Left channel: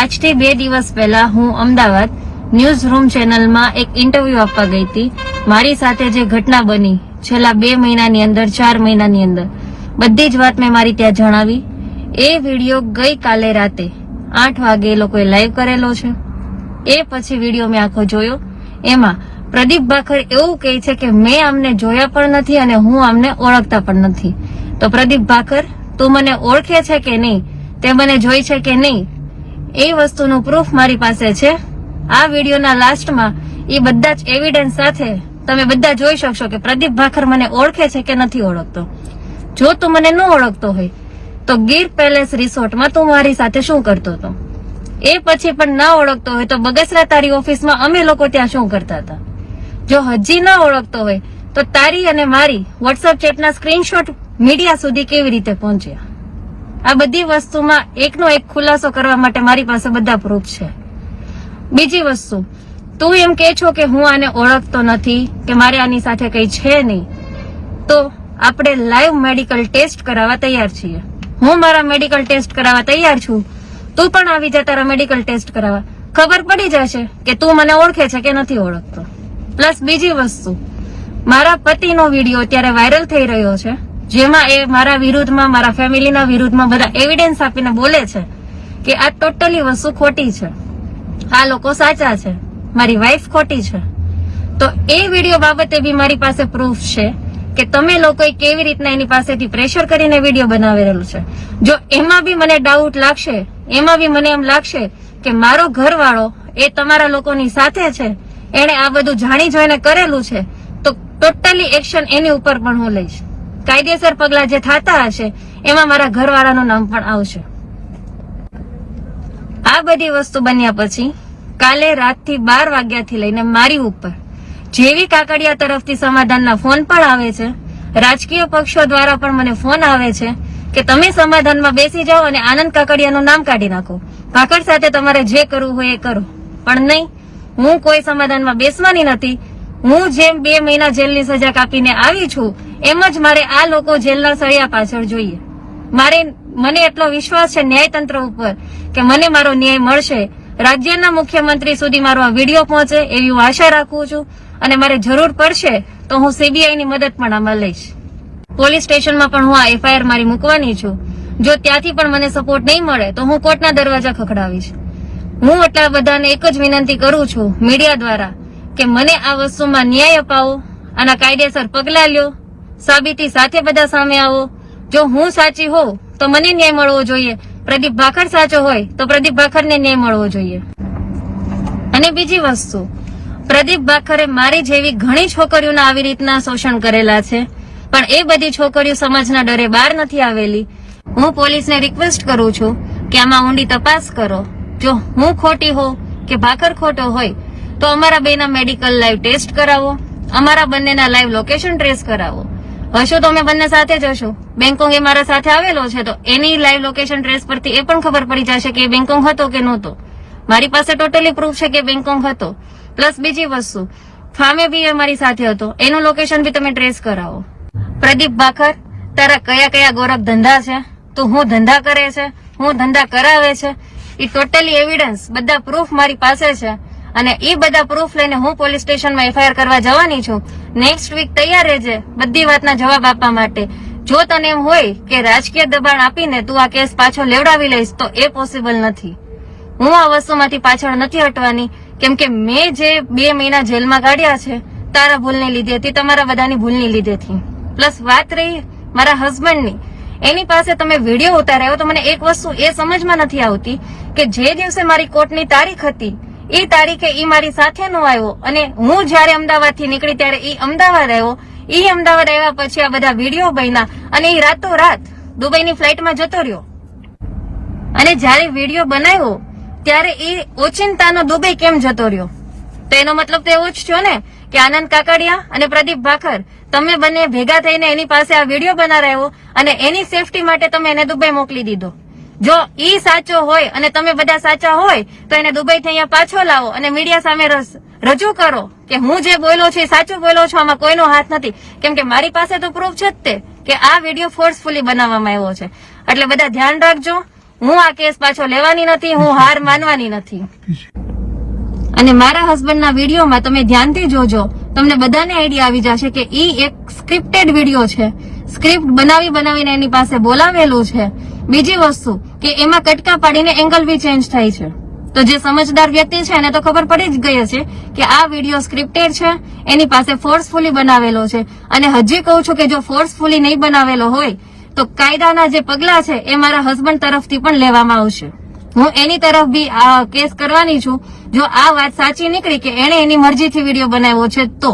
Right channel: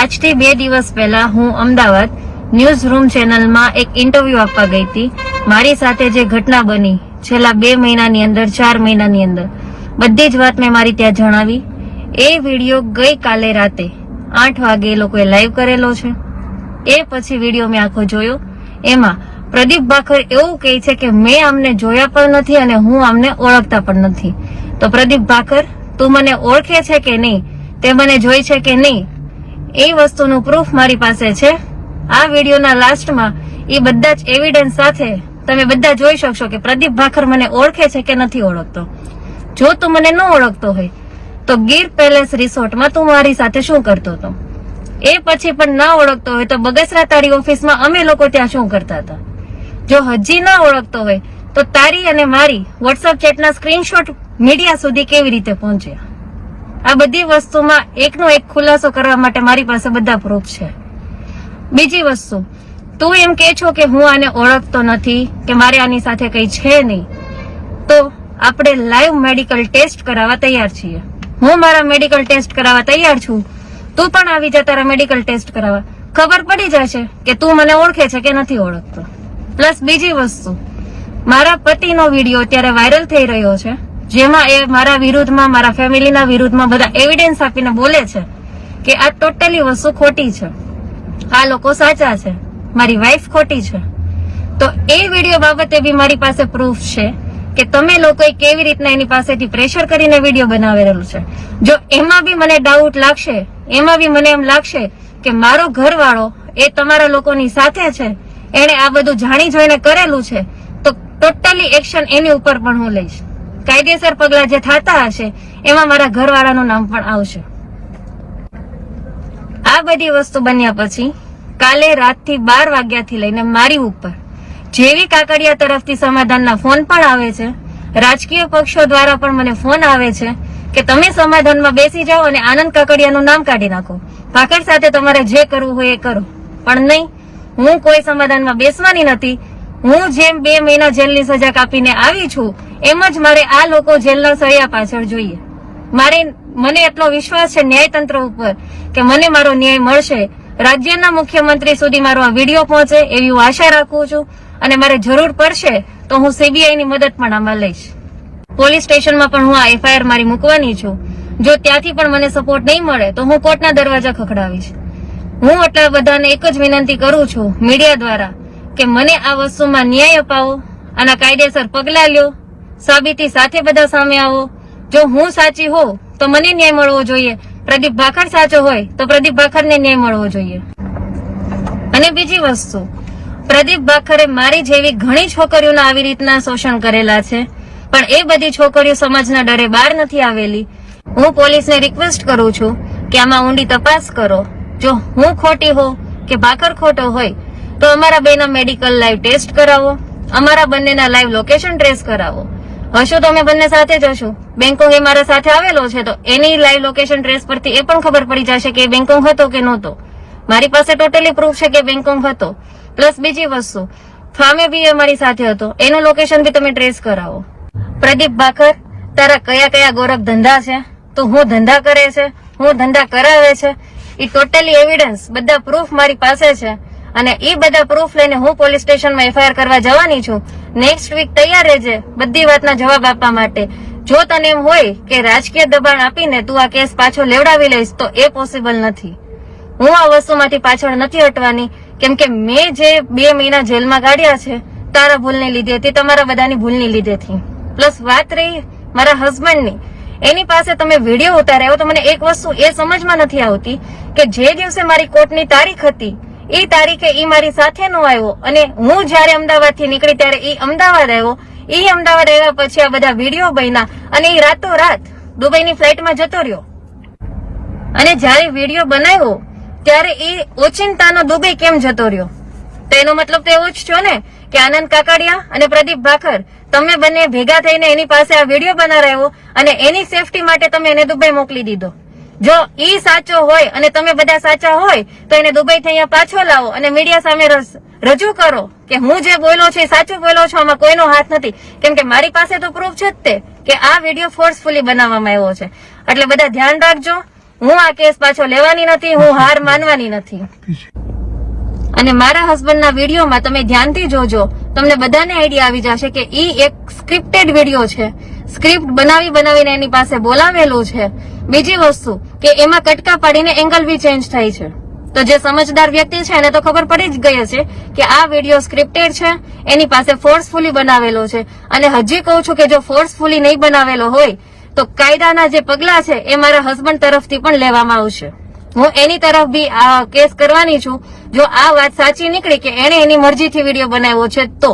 આજથી 2 દિવસ પહેલા હું અમદાવાદ ન્યૂઝ રૂમ ચેનલમાં એક ઇન્ટરવ્યુ આપવા ગઈ હતી. મારી સાથે જે ઘટના બની છેલ્લા 2 મહિનાની અંદર 4 મહિનાની અંદર બધી જ વાત મેં મારી ત્યાં જણાવી. એ વિડીયો ગઈકાલે રાતે 8 વાગે એ લોકોએ લાઈવ કરેલો છે. એ પછી વિડીયો મેં આખો જોયો. એમાં પ્રદીપ ભાખર એવું કહે છે કે મેં અમને જોયા પણ નથી અને હું અમને ઓળખતા પણ નથી. તો પ્રદીપ ભાખર, તું મને ઓળખે છે કે નહીં, તે મને જોઈ છે કે નહીં, એ વસ્તુનું પ્રૂફ મારી પાસે છે. આ વિડીયોના લાસ્ટમાં એ બધા જ એવિડન્સ સાથે તમે બધા જોઈ શકશો કે પ્રદીપ ભાખર મને ઓળખે છે કે નથી ઓળખતો. જો તું મને ન ઓળખતો હોય તો ગીર પેલેસ રિસોર્ટમાં તું મારી સાથે શું કરતો હતો? એ પછી પણ ના ઓળખતો હોય તો બગસરા તારી ઓફિસમાં અમે લોકો ત્યાં શું કરતા હતા? જો હજી ના ઓળખતો હોય તો તારી અને મારી વોટ્સઅપ ચેટના સ્ક્રીનશોટ મીડિયા સુધી કેવી રીતે પહોંચ્યા? આ બધી વસ્તુમાં એકનો એક ખુલાસો કરવા માટે મારી પાસે બધા પ્રૂફ છે. બીજી વસ્તુ, તું એમ કે છો કે હું આને ઓળખતો નથી કે મારે આની સાથે કઈ છે નહીં, તો આપણે લાઈવ મેડિકલ ટેસ્ટ કરાવવા તૈયાર છીએ. હું મારા મેડિકલ ટેસ્ટ કરાવવા તૈયાર છું. તું પણ આવી જા તારા મેડિકલ ટેસ્ટ કરાવવા. ખબર પડી જશે કે તું મને ઓળખે છે કે નથી ઓળખતો. પ્લસ બીજી વસ્તુ, મારા પતિનો વિડીયો અત્યારે વાયરલ થઈ રહ્યો છે, જેમાં એ મારા વિરુદ્ધમાં, મારા ફેમિલીના વિરુદ્ધમાં બધા એવિડન્સ આપીને બોલે છે કે આ ટોટલી વસ્તુ ખોટી છે, આ લોકો સાચા છે, મારી વાઈફ ખોટી છે. તો એ વિડીયો બાબતે બી મારી પાસે પ્રૂફ છે કે તમે લોકોએ કેવી રીતના એની પાસેથી પ્રેશર કરીને વિડીયો બનાવેલો છે. જો એમાં બી મને ડાઉટ લાગશે, એમાં બી મને એમ લાગશે કે મારો ઘરવાળો એ તમારા લોકોની સાથે છે, એને આ બધું જાણી જોઈને કરેલું છે, તો ટોટલી એક્શન એની ઉપર પણ હું લઈશ. કાયદેસર પગલા જે થતા હશે એમાં મારા ઘરવાળાનું નામ પણ આવશે. આ બધી વસ્તુ બન્યા પછી કાલે રાતથી 12 વાગ્યાથી લઈને મારી ઉપર જેવી કાકડિયા તરફથી સમાધાનના ફોન પણ આવે છે, રાજકીય પક્ષો દ્વારા પણ મને ફોન આવે છે કે તમે સમાધાનમાં બેસી જાઓ અને આનંદ કાકડિયાનું નામ કાઢી નાખો. ભાખર સાથે તમારે જે કરવું હોય એ કરો. પણ નહીં, હું કોઈ સમાધાનમાં બેસવાની નથી. હું જેમ 2 મહિના જેલની સજા કાપીને આવી છું એમ જ મારે આ લોકો જેલના સળિયા પાછળ જોઈએ. મને એટલો વિશ્વાસ છે ન્યાયતંત્ર ઉપર કે મને મારો ન્યાય મળશે. રાજ્યના મુખ્યમંત્રી સુધી મારો આ વિડીયો પહોંચે એવી હું આશા રાખું છું. અને મારે જરૂર પડશે તો હું સીબીઆઈ ની મદદ પણ આમાં લઈશ. પોલીસ સ્ટેશનમાં પણ હું આ એફઆઈઆર મારી મૂકવાની છું. જો ત્યાંથી પણ મને સપોર્ટ નહીં મળે તો હું કોર્ટના દરવાજા ખખડાવીશ. હું એટલા બધાને એક જ વિનંતી કરું છું મીડિયા દ્વારા કે મને આ વસ્તુમાં ન્યાય અપાવો, આના કાયદેસર પગલા લ્યો, સાબિતી સાથે બધા સામે આવો. જો હું સાચી હોઉં તો મને ન્યાય મળવો જોઈએ, પ્રદીપ ભાખર સાચો હોય તો પ્રદીપ ભાખરને ન્યાય મળવો જોઈએ. અને બીજી વસ્તુ, પ્રદીપ ભાખરે મારી જેવી ઘણી છોકરીઓના આવી રીતના શોષણ કરેલા છે, પણ એ બધી છોકરીઓ સમાજના ડરે બહાર નથી આવેલી. હું પોલીસને રિક્વેસ્ટ કરું છું કે આમાં ઊંડી તપાસ કરો. જો હું ખોટી હોઉં કે ભાખર ખોટો હોય તો અમારા બેના મેડિકલ લાઈવ ટેસ્ટ કરાવો, અમારા બંનેના લાઈવ લોકેશન ટ્રેસ કરાવો. હશો તો અમે બંને સાથે જશું. બેંકોંગ એ મારા સાથે આવેલો છે તો એની લાઈવ લોકેશન ટ્રેસ પરથી એ પણ ખબર પડી જશે કે એ બેંકોંગ હતો કે નહોતો. મારી પાસે ટોટલી પ્રૂફ છે કે બેંકોંગ હતો. પ્લસ બીજી વસ્તુ, ફામે બી એ મારી સાથે હતો, એનું લોકેશન બી તમે ટ્રેસ કરાવો. પ્રદીપ ભાખર, તારા કયા કયા ગોરખ ધંધા છે, તો હું ધંધા કરે છે, હું ધંધા કરાવે છે, એ ટોટલી એવિડન્સ બધા પ્રૂફ મારી પાસે છે. અને એ બધા પ્રૂફ લઈને હું પોલીસ સ્ટેશનમાં એફઆઈઆર કરવા જવાની છું. નેક્સ્ટ વીક તૈયાર રહેજે બધી વાતના જવાબ આપવા માટે. જો તને એમ હોય કે રાજકીય દબાણ આપીને તું આ કેસ પાછો લેવડાવી લઈશ તો એ પોસિબલ નથી. હું આ વસ્તુમાંથી પાછળ નથી હટવાની, કેમ કે મેં જે 2 મહિના જેલમાં કાઢ્યા છે તારા ભૂલને લીધે હતી, તમારા બધાની ભૂલની લીધેથી. પ્લસ વાત રહી મારા હસબન્ડની, એની પાસે તમે વિડીયો ઉતાર્યો તો મને એક વસ્તુ એ સમજમાં નથી આવતી કે જે દિવસે મારી કોર્ટની તારીખ હતી એ તારીખે ઈ મારી સાથે નો આવ્યો અને હું જયારે અમદાવાદથી નીકળી ત્યારે ઈ અમદાવાદ આવ્યો. ઈ અમદાવાદ આવ્યા પછી આ બધા વિડીયો બન્યા અને ઈ રાતોરાત દુબઈની ફ્લાઇટમાં જતો રહ્યો. અને જયારે વિડીયો બનાવ્યો ત્યારે ઈ ઓચિંતાનો દુબઈ કેમ જતો રહ્યો? તેનો મતલબ તો એવું જ છો ને કે આનંદ કાકડિયા અને પ્રદીપ ભાખર તમે બંને ભેગા થઈને એની પાસે આ વિડીયો બનાવ્યો અને એની સેફટી માટે તમે એને દુબઈ મોકલી દીધો. જો ઈ સાચો હોય અને તમે બધા સાચા હોય તો એને દુબઈથી અહીંયા પાછો લાવો અને મીડિયા સામે રજૂ કરો કે હું જે બોલ્યો છું એ સાચું બોલ્યો છું, આમાં કોઈનો હાથ નથી. કેમ કે મારી પાસે તો પ્રૂફ છે જ તે કે આ વિડીયો ફોર્સફુલી બનાવવામાં આવ્યો છે. એટલે બધા ધ્યાન રાખજો. હું આ કેસ પાછો લેવાની નથી, હું હાર માનવાની નથી. અને મારા હસબન્ડના વિડીયોમાં તમે ધ્યાનથી જોજો, તમને બધાને આઈડિયા આવી જશે કે ઈ એક સ્ક્રિપ્ટેડ વિડીયો છે. સ્ક્રિપ્ટ બનાવીને એની પાસે બોલાવેલું છે. બીજી વસ્તુ કે એમાં કટકા પાડીને એંગલ બી ચેન્જ થાય છે. તો જે સમજદાર વ્યક્તિ છે એને તો ખબર પડી જ ગઈ હશે કે આ વિડીયો સ્ક્રિપ્ટેડ છે, એની પાસે ફોર્સફુલી બનાવેલો છે. અને હજી કહું છું કે જો ફોર્સફુલી નહીં બનાવેલો હોય તો કાયદાના જે પગલા છે એ મારા હસબન્ડ તરફથી પણ લેવામાં આવશે. હું એની તરફ બી આ કેસ કરવાની છું જો આ વાત સાચી નીકળી કે એને એની મરજીથી વિડીયો બનાવ્યો છે તો.